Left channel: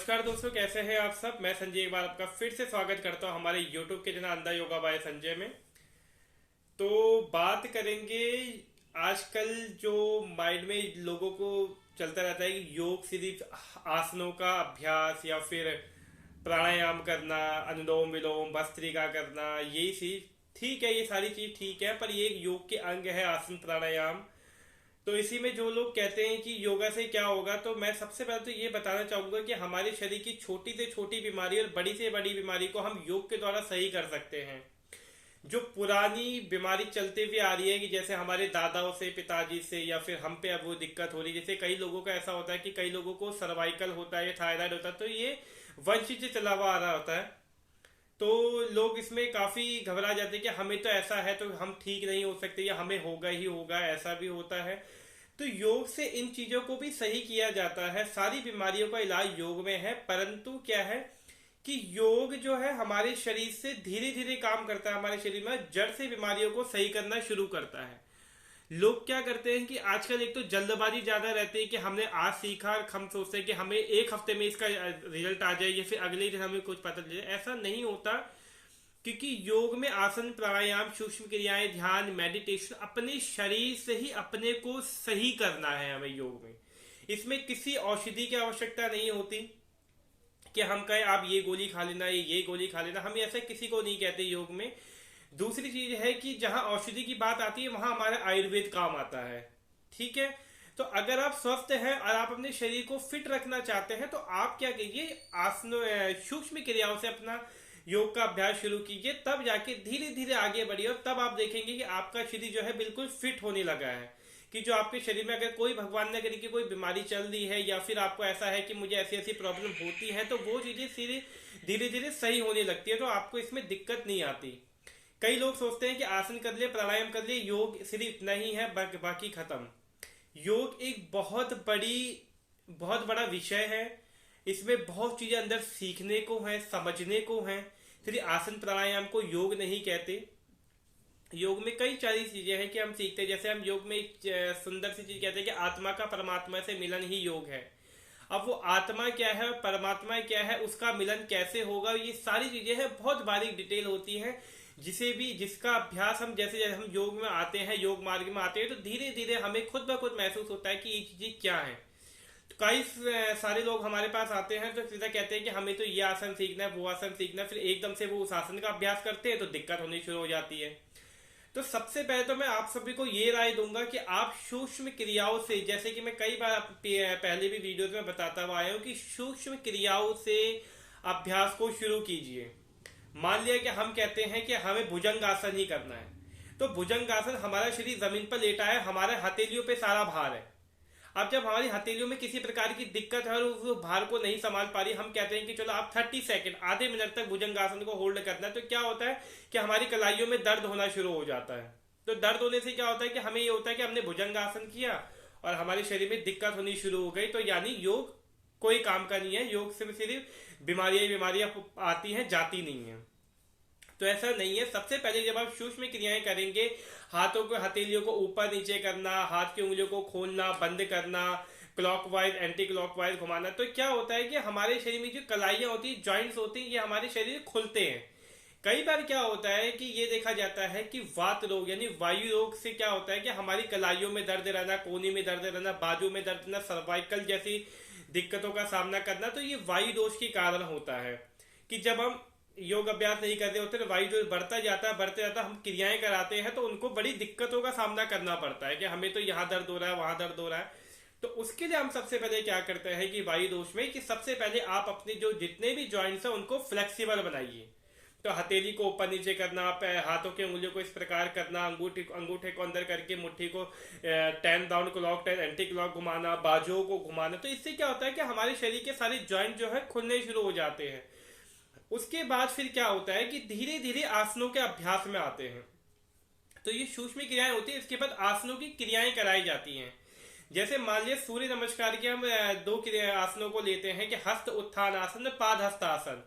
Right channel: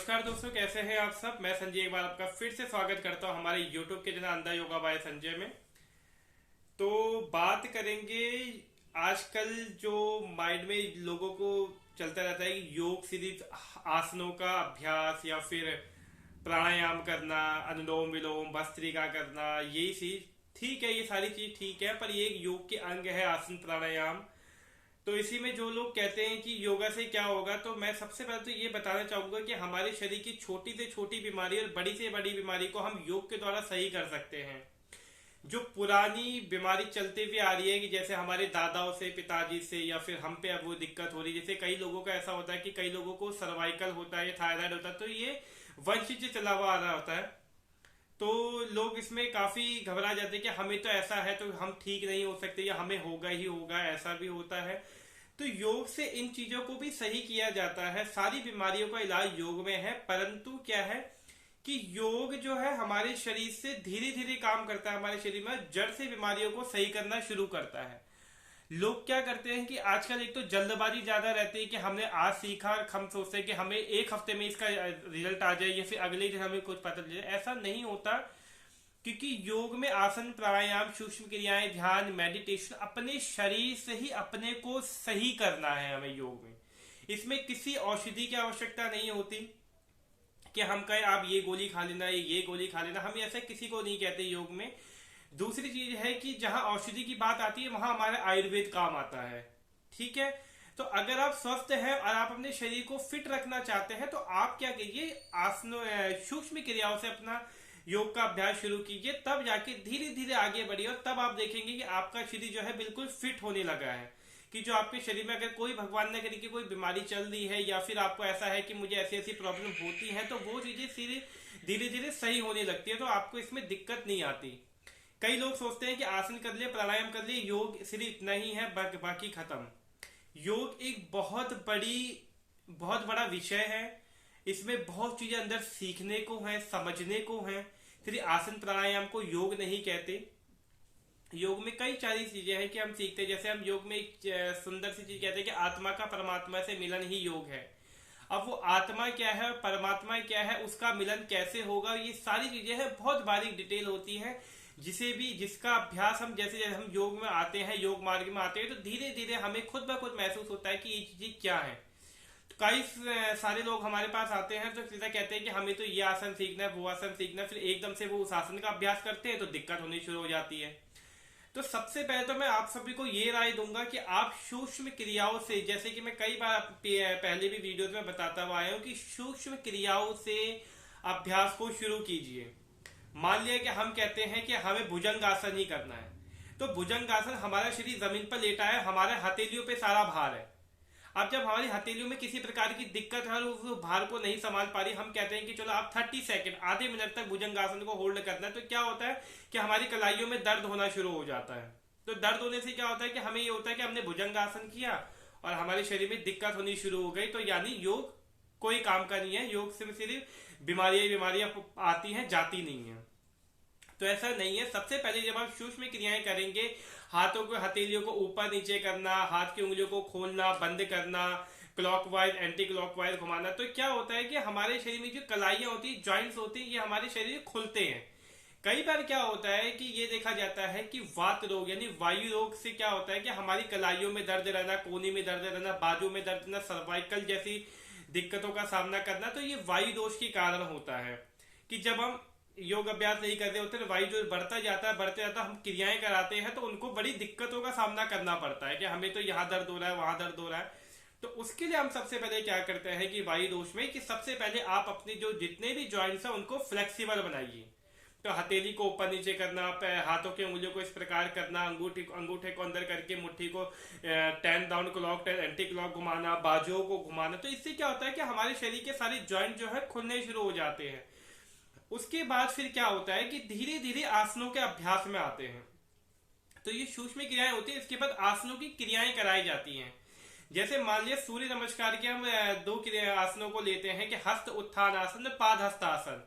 नमस्कार दोस्तों, कैसे हैं आप सब। मैं संजय एक बार आपका फिर से स्वागत करता हूं हमारे YouTube के चैनल अंधा योगा बाय संजय में। तो बात करेंगे आजकल जो माइंड में लोगों को चलता रहता है कि योग सिर्फ आसनों का अभ्यास या फिर प्राणायाम करना, अनुलोम विलोम, भस्त्रिका करना, यही चीज ठीक है। ये सारी चीज ठीक है, पर ये एक योग के अंग है आसन प्राणायाम। तो इसी में जो लोग कहते हैं कि योगा से क्या होगा, तो मैं सबसे पहले तो ये बताना चाहूंगा कि हमारे शरीर की छोटी से छोटी बीमारी और बड़ी से बड़ी बीमारी को हम योग के द्वारा सही कर सकते हैं। जो पुरानी बीमारी चलती हुई आ रही है कि जैसे हमारे दादाओं से, पिताजी से, या फिर हम पे अब वो दिक्कत हो रही है। जैसे कई लोगों का ऐसा होता है कि कई लोगों को सर्वाइकल होता है, थायराइड होता है, तो ये वंश से चला हुआ आ रहा होता है। तो लोग इसमें काफी घबरा जाते हैं कि हमें तो ऐसा है तो हम ठीक नहीं हो सकते, या हमें होगा ही होगा, ऐसा भी होता है। तो योग से इन चीजों को भी सही किया जाता है। सारी बीमारियों का इलाज योग में है, परंतु क्या है कि योग जो है हमारे शरीर से धीरे धीरे काम करता है। हमारे शरीर में जड़ से बीमारियों को सही करना शुरू करता है। लोग क्या करते हैं कि आजकल एक तो जल्दबाजी ज्यादा रहती है कि हमने आज सीखा, हम सोचते हैं कि हमें एक हफ्ते में इसका रिजल्ट आ जाए या फिर अगले दिन हमें कुछ पता चल जाए। ऐसा नहीं होता, क्योंकि योग में आसन, प्राणायाम, सूक्ष्म क्रियाएं, ध्यान, मेडिटेशन अपने शरीर से ही अपने को सही करना है हमें योग में। इसमें किसी औषधि की आवश्यकता नहीं होती कि हम कहें आप ये गोली खा लेना, ये गोली खा लेना। हम ऐसे किसी को नहीं कहते योग में। दूसरी चीज है कि जहां औषधि की बात आती है वहां हमारा आयुर्वेद काम आता है। ठीक है। तो अगर आप स्वस्थ हैं और आप अपने शरीर को फिट रखना चाहते हैं तो आप क्या कीजिए, आसनों, सूक्ष्म क्रियाओं से अपना योग का अभ्यास शुरू कीजिए। तब जाके धीरे धीरे आगे बढ़िए और तब आप देखेंगे कि आपका शरीर जो है बिल्कुल फिट होने लगा है। कि जो आपके शरीर में अगर कोई, भगवान ने करे कि कोई बीमारी चल रही है या फिर आपको ऐसा है कि मुझे ऐसी ऐसी प्रॉब्लम होती है, तो वो चीजें धीरे धीरे सही होने लगती है। तो आपको इसमें दिक्कत नहीं आती। कई लोग सोचते हैं कि आसन कर ले, प्राणायाम कर ले, योग सिर्फ इतना ही है, बाकी खत्म। योग एक बहुत बड़ा विषय है। इसमें बहुत चीजें अंदर सीखने को है, समझने को है। सिर्फ आसन प्राणायाम को योग नहीं कहते। योग में कई सारी चीजें हैं कि हम सीखते हैं। जैसे हम योग में एक सुंदर सी चीज कहते हैं कि आत्मा का परमात्मा से मिलन ही योग है। अब वो आत्मा क्या है, परमात्मा क्या है, उसका मिलन कैसे होगा, ये सारी चीजें हैं, बहुत बारीक डिटेल होती है। जिसका अभ्यास हम, जैसे जैसे हम योग में आते हैं, योग मार्ग में आते हैं, तो धीरे धीरे हमें खुद ब खुद महसूस होता है कि ये चीजें क्या है। तो कई सारे लोग हमारे पास आते हैं तो सीधा कहते हैं कि हमें तो ये आसन सीखना है, वो आसन सीखना है। फिर एकदम से वो उस आसन का अभ्यास करते हैं तो दिक्कत होनी शुरू हो जाती है। तो सबसे पहले तो मैं आप सभी को ये राय दूंगा कि आप सूक्ष्म क्रियाओं से, जैसे कि मैं कई बार पहले भी वीडियोस में बताता हुआ आया हूं कि सूक्ष्म क्रियाओं से अभ्यास को शुरू कीजिए। मान लिया कि हम कहते हैं कि हमें भुजंग आसन ही करना है, तो भुजंग आसन, हमारा शरीर जमीन पर लेटा है, हमारे हथेलियों पे सारा भार है। अब जब हमारी हथेलियों में किसी प्रकार की दिक्कत है और उस भार को नहीं संभाल पा रही, हम कहते हैं कि चलो आप 30 सेकंड, आधे मिनट तक भुजंगासन को होल्ड करना है। तो क्या होता है कि हमारी कलाइयों में दर्द होना शुरू हो जाता है। तो दर्द होने से क्या होता है कि हमें ये होता है कि हमने भुजंगासन किया और हमारे शरीर में दिक्कत होनी शुरू हो गई। तो यानी योग कोई काम का नहीं है। योग से सिर्फ बीमारियां आती हैं, जाती नहीं है। तो ऐसा नहीं है। सबसे पहले जब आप सूक्ष्म क्रियाएं करेंगे, हाथों को, हथेलियों को ऊपर नीचे करना, हाथ की उंगलियों को खोलना, बंद करना, क्लॉकवाइज, एंटी क्लॉकवाइज घुमाना, तो क्या होता है कि हमारे शरीर में जो कलाइयां होती है, जॉइंट्स होती है, ये हमारे शरीर खुलते हैं। कई बार क्या होता है कि ये देखा जाता है कि वात रोग यानी वायु रोग से क्या होता है कि हमारी कलाइयों में दर्द रहना, कोहनी में दर्द रहना, बाजू में दर्द रहना, सर्वाइकल जैसी दिक्कतों का सामना करना, तो ये वायु दोष के कारण होता है। कि जब हम योग अभ्यास नहीं करते होते तो वायु जो बढ़ता जाता है, हम क्रियाएं कराते हैं तो उनको बड़ी दिक्कतों का सामना करना पड़ता है कि हमें तो यहाँ दर्द हो रहा है, वहां दर्द हो रहा है। तो उसके लिए हम सबसे पहले क्या करते हैं कि वायु दोष में, कि सबसे पहले आप अपने जो जितने भी जॉइंट्स हैं उनको फ्लेक्सिबल बनाइए। तो हथेली को ऊपर नीचे करना, हाथों के उंगलियों को इस प्रकार करना, अंगूठे को अंदर करके मुट्ठी को 10 डाउन क्लॉक, 10 एंटी क्लॉक घुमाना, बाजुओं को घुमाना। तो इससे क्या होता है कि हमारे शरीर के सारे जॉइंट जो है खुलने शुरू हो जाते हैं। उसके बाद फिर क्या होता है कि धीरे धीरे आसनों के अभ्यास में आते हैं। तो ये सूक्ष्म क्रियाएं होती है। इसके बाद आसनों की क्रियाएं कराई जाती हैं। जैसे मान लिया सूर्य नमस्कार के हम दो आसनों को लेते हैं कि हस्त उत्थान आसन, पाद हस्त आसन।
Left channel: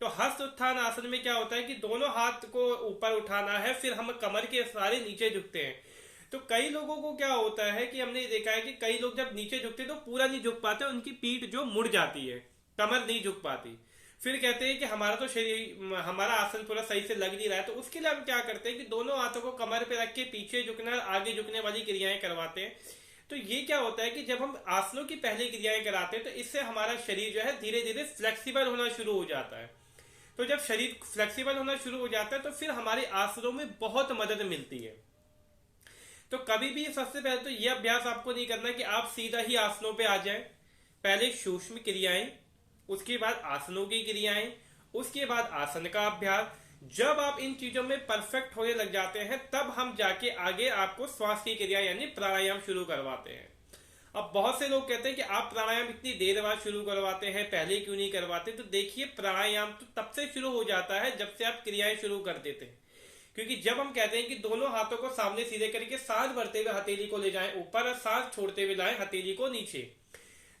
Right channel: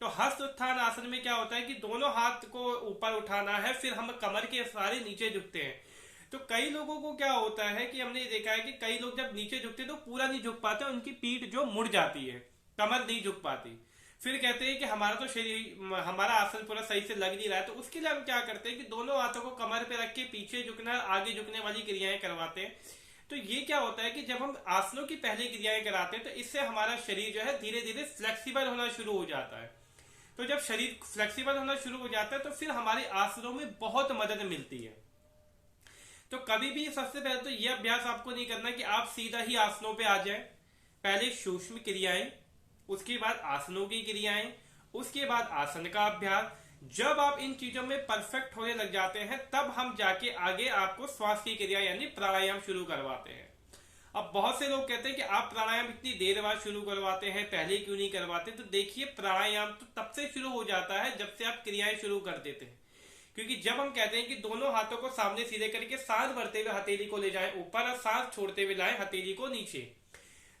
तो हस्त उत्थान आसन में क्या होता है कि दोनों हाथ को ऊपर उठाना है, फिर हम कमर के सारे नीचे झुकते हैं। तो कई लोगों को क्या होता है कि हमने देखा है कि कई लोग जब नीचे झुकते हैं तो पूरा नहीं झुक पाते, उनकी पीठ जो मुड़ जाती है। कमर नहीं झुक पाती। फिर कहते हैं कि हमारा तो शरीर, हमारा आसन पूरा सही से लग नहीं रहा है, तो उसके लिए हम क्या करते हैं कि दोनों हाथों को कमर पे रख के पीछे झुकना और आगे झुकने वाली क्रियाएं करवाते हैं। तो ये क्या होता है कि जब हम आसनों की पहली क्रियाएं कराते हैं तो इससे हमारा शरीर जो है धीरे धीरे फ्लेक्सिबल होना शुरू हो जाता है। तो जब शरीर फ्लेक्सिबल होना शुरू हो जाता है तो फिर हमारे आसनों में बहुत मदद मिलती है। तो कभी भी सबसे पहले तो यह अभ्यास आपको नहीं करना कि आप सीधा ही आसनों पे आ जाएं। पहले सूक्ष्म क्रियाएं, उसके बाद आसनों की क्रियाएं, उसके बाद आसन का अभ्यास। जब आप इन चीजों में परफेक्ट होने लग जाते हैं तब हम जाके आगे आपको श्वास की क्रिया यानी प्राणायाम शुरू करवाते हैं। अब बहुत से लोग कहते हैं कि आप प्राणायाम इतनी देर बाद शुरू करवाते हैं, पहले क्यों नहीं करवाते? तो देखिए, प्राणायाम तो तब से शुरू हो जाता है जब से आप क्रियाएं शुरू कर देते हैं। क्योंकि जब हम कहते हैं कि दोनों हाथों को सामने सीधे करके सांस भरते हुए हथेली को ले जाएं ऊपर और सांस छोड़ते हुए लाएं हथेली को नीचे,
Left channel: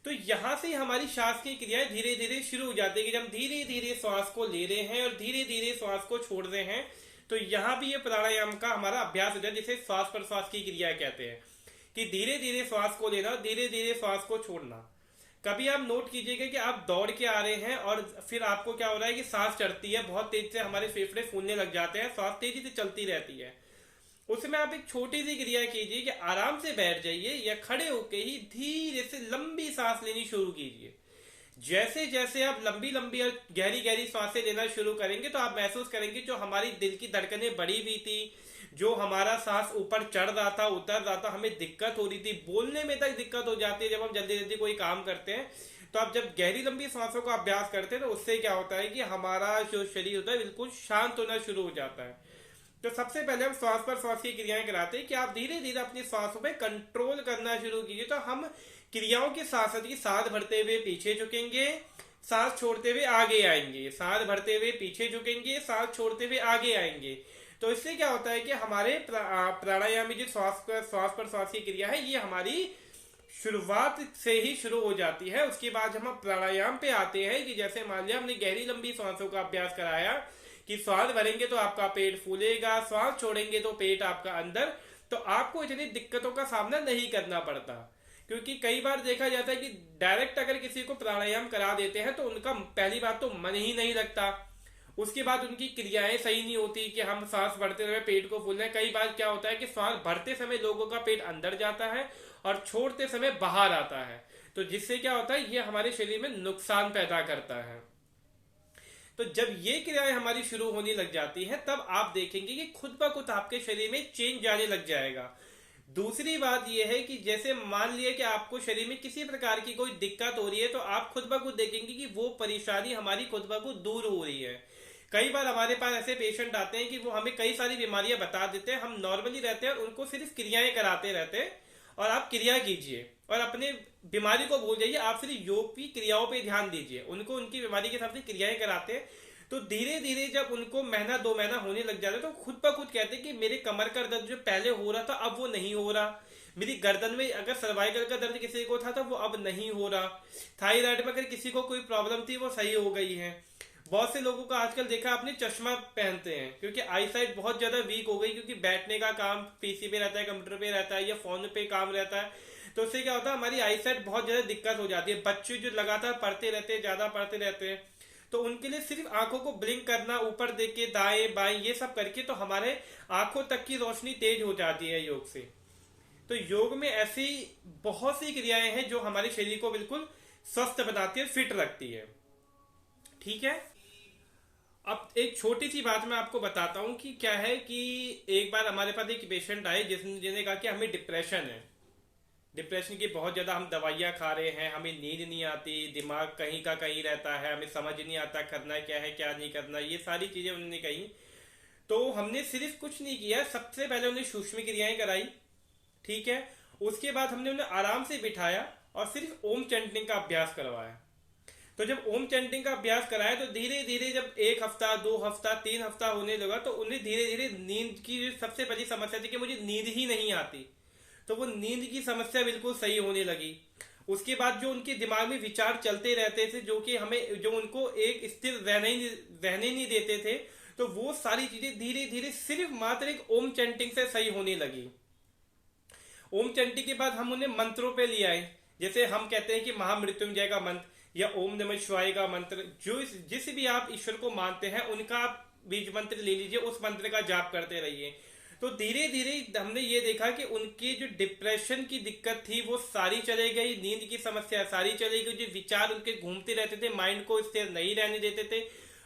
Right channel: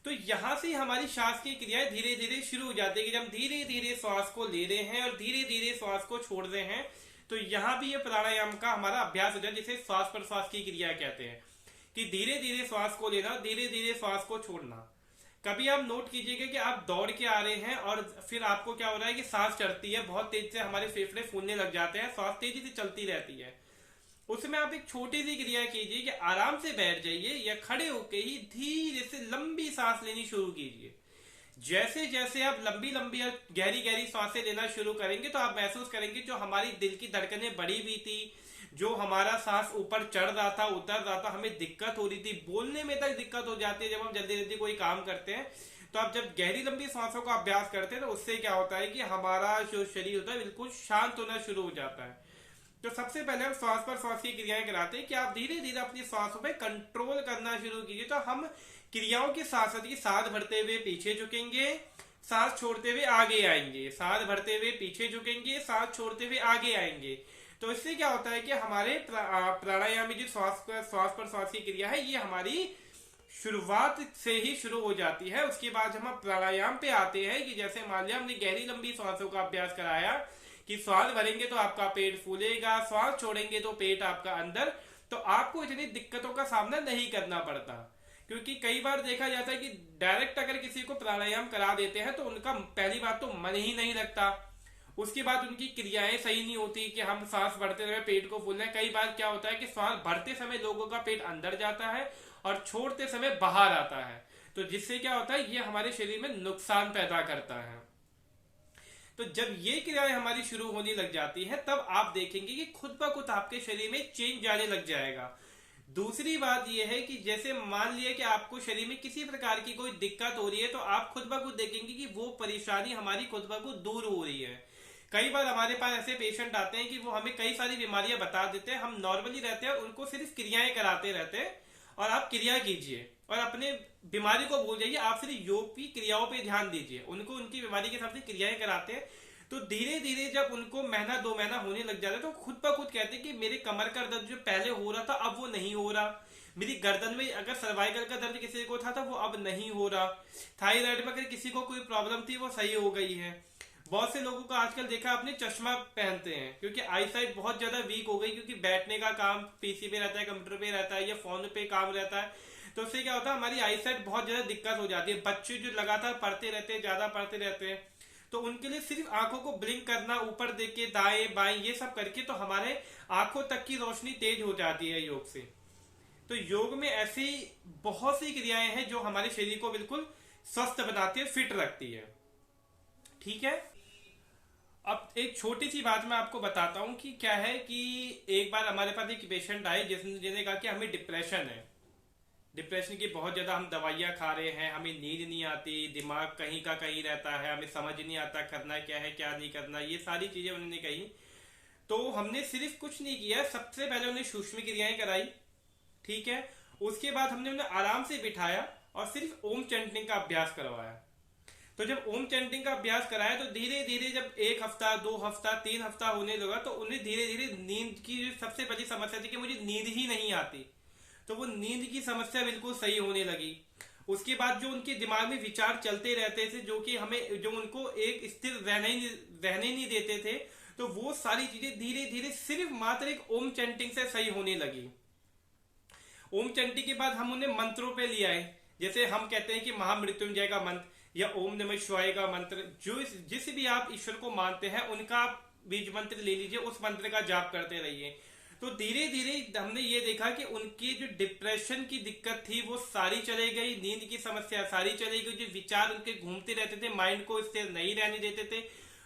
तो यहां से हमारी श्वास की क्रियाएं धीरे धीरे शुरू हो जाती है कि जब हम धीरे धीरे श्वास को ले रहे हैं और धीरे धीरे श्वास को छोड़ रहे हैं, तो यहां भी ये प्राणायाम का हमारा अभ्यास हो जाए, जिसे श्वास प्रश्वास की क्रिया कहते हैं कि धीरे धीरे श्वास को लेना, धीरे धीरे श्वास को छोड़ना। कभी आप नोट कीजिएगा कि आप दौड़ के आ रहे हैं और फिर आपको क्या हो रहा है कि सांस चढ़ती है, बहुत तेज से हमारे फेफड़े फूलने लग जाते हैं, सांस तेजी से चलती रहती है। उसमें आप एक छोटी सी क्रिया कीजिए कि आराम से बैठ जाइए या खड़े होके ही धीरे से लंबी सांस लेनी शुरू कीजिए। जैसे जैसे आप लंबी लंबी और गहरी गहरी सांसें लेना शुरू करेंगे तो आप महसूस करेंगे जो हमारी दिल की धड़कनें बढ़ी हुई थी, जो हमारा सांस ऊपर चढ़ रहा था, उतर रहा था, हमें दिक्कत हो रही थी, बोलने में तक दिक्कत हो जाती है जब हम जल्दी जल्दी कोई काम करते हैं। तो आप जब गहरी लंबी सांसों का अभ्यास करते हैं तो उससे क्या होता है कि हमारा जो शरीर होता है बिल्कुल शांत होना शुरू हो जाता है। तो सबसे पहले हम श्वास पर श्वास की क्रियाएं कराते हैं कि आप धीरे धीरे अपनी श्वासों पे कंट्रोल करना शुरू कीजिए। तो हम क्रियाओं के साथ साथ ही सांस भरते हुए पीछे झुकेंगे, सांस छोड़ते हुए आगे आएंगे, सांस भरते हुए पीछे झुकेंगे, सांस छोड़ते हुए आगे आएंगे। तो इससे क्या होता है कि हमारे प्राणायाम में जो श्वास पर श्वास की क्रिया है ये हमारी शुरुआत से ही शुरू हो जाती है। उसके बाद हम प्राणायाम पे आते हैं कि जैसे मान लिया हमने गहरी लंबी सांसों का अभ्यास कराया कि श्वास भरेंगे तो आपका पेट फूलेगा, श्वास छोड़ेंगे तो पेट आपका अंदर, तो आपको इतनी दिक्कतों का सामना नहीं करना पड़ता। क्योंकि कई बार देखा जाता है कि डायरेक्ट अगर किसी को प्राणायाम करा देते हैं तो उनका पहली बात तो मन ही नहीं लगता, उसके बाद उनकी क्रियाएं सही नहीं होती कि हम सांस भरते हुए पेट को फूलना है। कई बार क्या होता है कि सांस भरते समय लोगों का पेट अंदर जाता है और छोड़ते समय बाहर आता है, तो जिससे क्या होता है ये हमारे शरीर में नुकसान पैदा करता है। तो जब ये क्रियाएं हमारी शुरू होने लग जाती है तब आप देखेंगे कि खुद ब खुद आपके शरीर में चेंज जाने लग जाएगा। दूसरी बात यह है कि जैसे मान लिया कि आपको शरीर में किसी प्रकार की कोई दिक्कत हो रही है तो आप खुद ब खुद देखेंगे कि वो परेशानी हमारी खुद ब खुद दूर हो रही है। कई बार हमारे पास ऐसे पेशेंट आते हैं कि वो हमें कई सारी बीमारियां बता देते हैं, हम नॉर्मली रहते हैं और उनको सिर्फ क्रियाएं कराते रहते हैं। और आप क्रिया कीजिए और अपने बीमारी को भूल जाइए, आप सिर्फ योग की क्रियाओं पे ध्यान दीजिए। उनको उनकी बीमारी के हिसाब से क्रियाएं कराते हैं तो धीरे धीरे जब उनको महीना 2 महीना होने लग जाता है तो खुद ब खुद कहते हैं कि मेरे कमर का दर्द जो पहले हो रहा था अब वो नहीं हो रहा, मेरी गर्दन में अगर सर्वाइकल का दर्द किसी को था वो अब नहीं हो रहा, थायराइड में अगर किसी को कोई प्रॉब्लम थी वो सही हो गई है। बहुत से लोगों का आजकल देखा आपने चश्मा पहनते हैं क्योंकि आई साइट बहुत ज्यादा वीक हो गई, क्योंकि बैठने का काम पीसी पे रहता है, कंप्यूटर पे रहता है या फोन पे काम रहता है, तो उससे क्या होता है हमारी आई साइट बहुत ज्यादा दिक्कत हो जाती है। बच्चे जो लगातार पढ़ते रहते हैं, ज्यादा पढ़ते रहते हैं, तो उनके लिए सिर्फ आंखों को ब्लिंक करना, ऊपर देख के दाएं बाएं ये सब करके तो हमारे आंखों तक की रोशनी तेज हो जाती है योग से। तो योग में ऐसी बहुत सी क्रियाएं हैं जो हमारे शरीर को बिल्कुल स्वस्थ बनाती है, फिट रखती है। ठीक है, अब एक छोटी सी बात मैं आपको बताता हूं कि क्या है कि एक बार हमारे पास एक पेशेंट आए जिसने कहा कि हमें डिप्रेशन है, डिप्रेशन की बहुत ज्यादा हम दवाइयां खा रहे हैं, हमें नींद नहीं आती, दिमाग कहीं का कहीं रहता है, हमें समझ नहीं आता करना क्या है क्या नहीं करना, ये सारी चीजें उन्होंने कही। तो हमने सिर्फ कुछ नहीं किया, सबसे पहले उन्हें सूक्ष्म क्रियाएं कराई, ठीक है। उसके बाद हमने उन्हें आराम से बिठाया और सिर्फ ओम चैंटिंग का अभ्यास करवाया। तो जब ओम चैंटिंग का अभ्यास कराया तो धीरे धीरे जब 1 हफ्ता 2 हफ्ता 3 हफ्ता होने लगा तो उन्हें धीरे धीरे नींद की जो सबसे बड़ी समस्या थी कि मुझे नींद ही नहीं आती, तो वो नींद की समस्या बिल्कुल सही होने लगी। उसके बाद जो उनके दिमाग में विचार चलते रहते थे जो कि हमें जो उनको एक स्थिर रहने नहीं देते थे, तो वो सारी चीजें धीरे धीरे सिर्फ मात्र एक ओम चैंटिंग से सही होने लगी। ओम चैंटिंग के बाद हम उन्हें मंत्रों पे ले आए, जैसे हम कहते हैं कि महामृत्युंजय का मंत्र या ओम नमः शिवाय का मंत्र, जो जिस भी आप ईश्वर को मानते हैं उनका बीज मंत्र ले लीजिए, उस मंत्र का जाप करते रहिए। तो धीरे धीरे हमने ये देखा कि उनकी जो डिप्रेशन की दिक्कत थी वो सारी चली गई, नींद की समस्या सारी चली गई, जो विचार उनके घूमते रहते थे, माइंड को स्थिर नहीं रहने देते थे,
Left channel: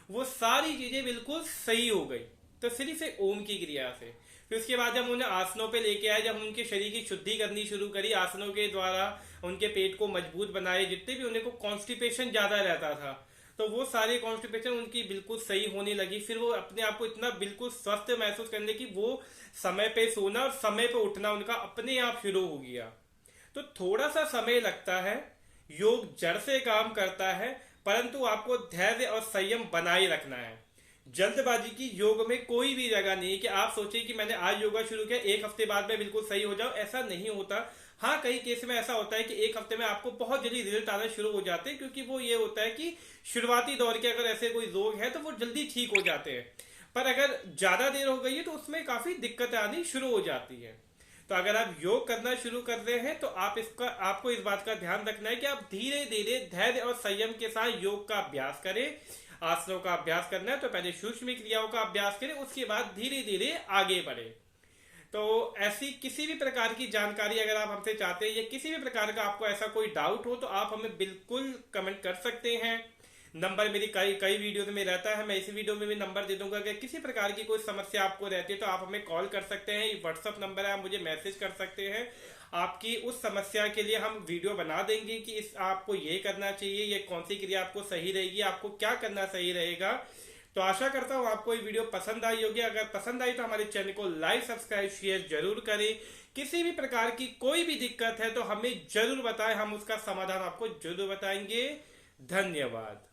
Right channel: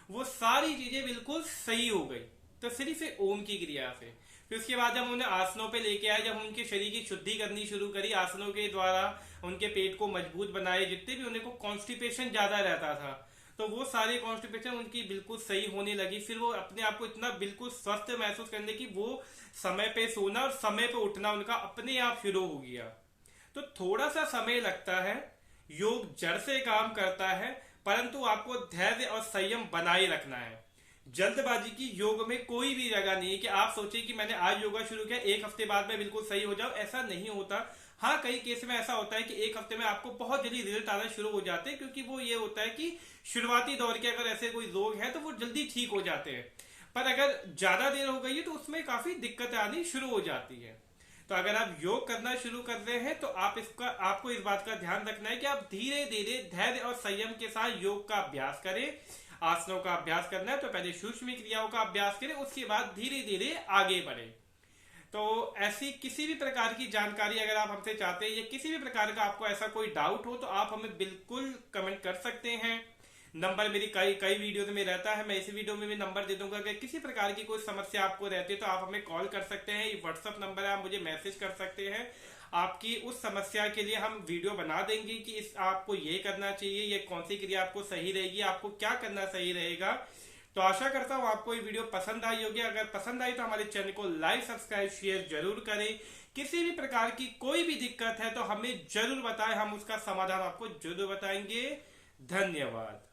वो सारी चीजें बिल्कुल सही हो गई। तो सिर्फ ओम की क्रिया से। फिर उसके बाद जब उन्हें आसनों पे लेके आए, जब उनके शरीर की शुद्धि करनी शुरू करी आसनों के द्वारा, उनके पेट को मजबूत बनाए, जितने भी उन्हें को कॉन्स्टिपेशन ज्यादा रहता था तो वो सारे कॉन्स्टिपेशन उनकी बिल्कुल सही होने लगी। फिर वो अपने आप को इतना बिल्कुल स्वस्थ महसूस करने की, वो समय पे सोना और समय पे उठना उनका अपने आप शुरू हो गया। तो थोड़ा सा समय लगता है, योग जड़ से काम करता है, परंतु आपको धैर्य और संयम बनाए रखना है। जल्दबाजी की योग में कोई भी जगह नहीं है कि आप सोचिए कि मैंने आज योगा शुरू किया, एक हफ्ते बाद में बिल्कुल सही हो जाओ, ऐसा नहीं होता। हाँ, कई केस में ऐसा होता है कि एक हफ्ते में आपको बहुत जल्दी रिजल्ट आना शुरू हो जाते हैं, क्योंकि वो ये होता है कि शुरुआती दौर के अगर ऐसे कोई रोग है तो वो जल्दी ठीक हो जाते हैं। पर अगर ज्यादा देर हो गई है तो उसमें काफी दिक्कतें आनी शुरू हो जाती है। तो अगर आप योग करना शुरू कर रहे हैं तो आपको इस बात का ध्यान रखना है कि आप धीरे धीरे धैर्य और संयम के साथ योग का अभ्यास करें। आसनों का अभ्यास करना है तो पहले सूक्ष्म क्रियाओं का अभ्यास करें, उसके बाद धीरे धीरे आगे बढ़े। तो ऐसी किसी भी प्रकार की जानकारी अगर आप हमसे चाहते हैं या किसी भी प्रकार का आपको ऐसा कोई डाउट हो तो आप हमें बिल्कुल कमेंट कर सकते हैं। नंबर मेरी कई कई वीडियो में रहता है, मैं इसी वीडियो में भी नंबर दे दूंगा। अगर किसी प्रकार की कोई समस्या आपको रहती है तो आप हमें कॉल कर सकते हैं, ये व्हाट्सअप नंबर है, आप मुझे मैसेज कर सकते हैं। आपकी उस समस्या के लिए हम वीडियो बना देंगे कि इस आपको ये करना चाहिए, ये कौन सी क्रिया आपको सही रहेगी, आपको क्या करना सही रहेगा। तो आशा करता हूँ आपको ये वीडियो पसंद आई होगी। अगर पसंद आई तो हमारे चैनल को लाइक, सब्सक्राइब, शेयर जरूर करें। किसी भी प्रकार की कोई भी दिक्कत है तो हमें जरूर बताएं, हम उसका समाधान आपको जरूर बताएंगे। धन्यवाद।